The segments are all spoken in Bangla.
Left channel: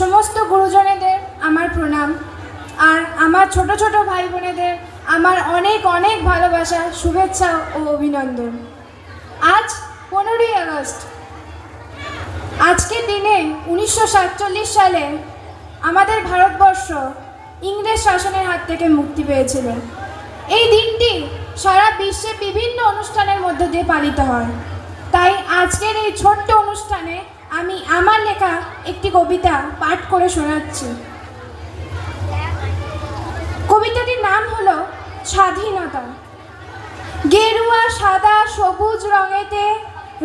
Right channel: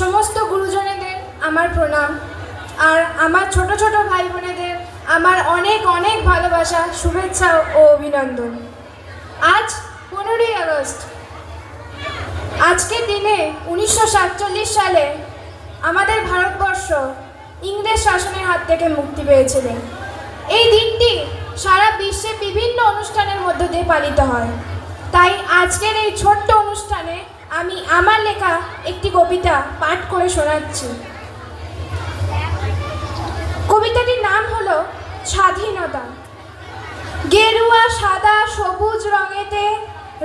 সমস্ত গুরুজনেদের আমার প্রণাম, আর আমার ছোট ছোট ভাই বোনেদের আমার অনেক অনেক ভালোবাসা, শুভেচ্ছা ও অভিনন্দন। আজ 15ই আগস্ট। আজকের দিনে 1947 সালে আমাদের ভারতবর্ষ ইংরেজ শাসনের হাত থেকে মুক্তি পেয়েছিল। এই দিনটি সারা বিশ্বে বিভিন্ন অনুষ্ঠানের মধ্য দিয়ে পালিত হয়। তাই আজকের এই ছোট্ট অনুষ্ঠানে আমি আমার লেখা একটি কবিতা পাঠ করে শোনাচ্ছি। কবিতাটির নাম হলো স্বাধীনতা। গেরুয়া, সাদা, সবুজ রঙেতে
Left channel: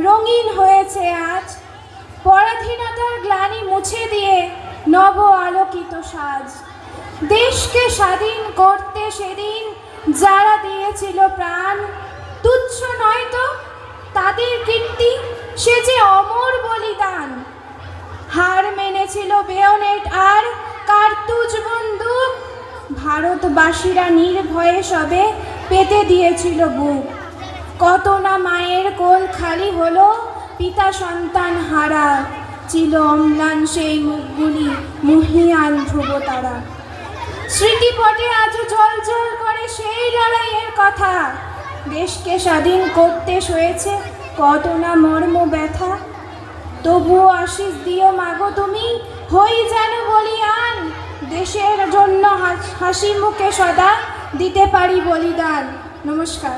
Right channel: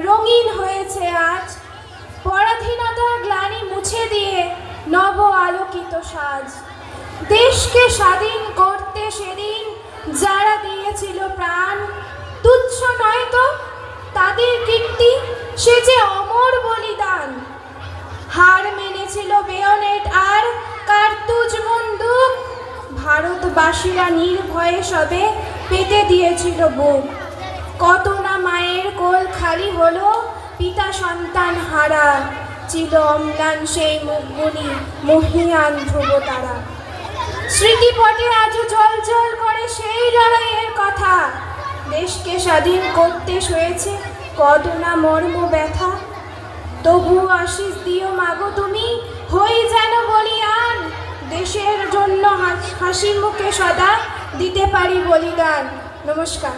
রঙিন হয়েছে আজ, পরাধীনতার গ্লানি মুছে দিয়ে নব আলোকিত সাজ। দেশকে স্বাধীন করতে সেদিন যারা দিয়েছিল প্রাণ, তুচ্ছ নয় তো তাদের কীর্তি, সে যে অমর বলিদান। হার মেনেছিল বেয়নেট আর কার্তুজ বন্দুক, ভারতবাসীরা নির্ভয়ে সবে পেতে দিয়েছিল বুক। কত না মায়ের কোল খালি হলো, পিতা সন্তান হারা, ছিল অম্লান সেই মুখগুলি মহিয়ান ধ্রুব তারা। স্মৃতিপটে আজও ঝলঝল করে সেই লড়াইয়ের কথা, দেশকে স্বাধীন করতে শুয়েছে কত না মর্ম ব্যথা। তবুও আশিস দিও মাগো তুমি, হই যেন বলিয়ান, দেশের জন্য হাসি মুখে সদা দিতে পারি বলিদান। নমস্কার।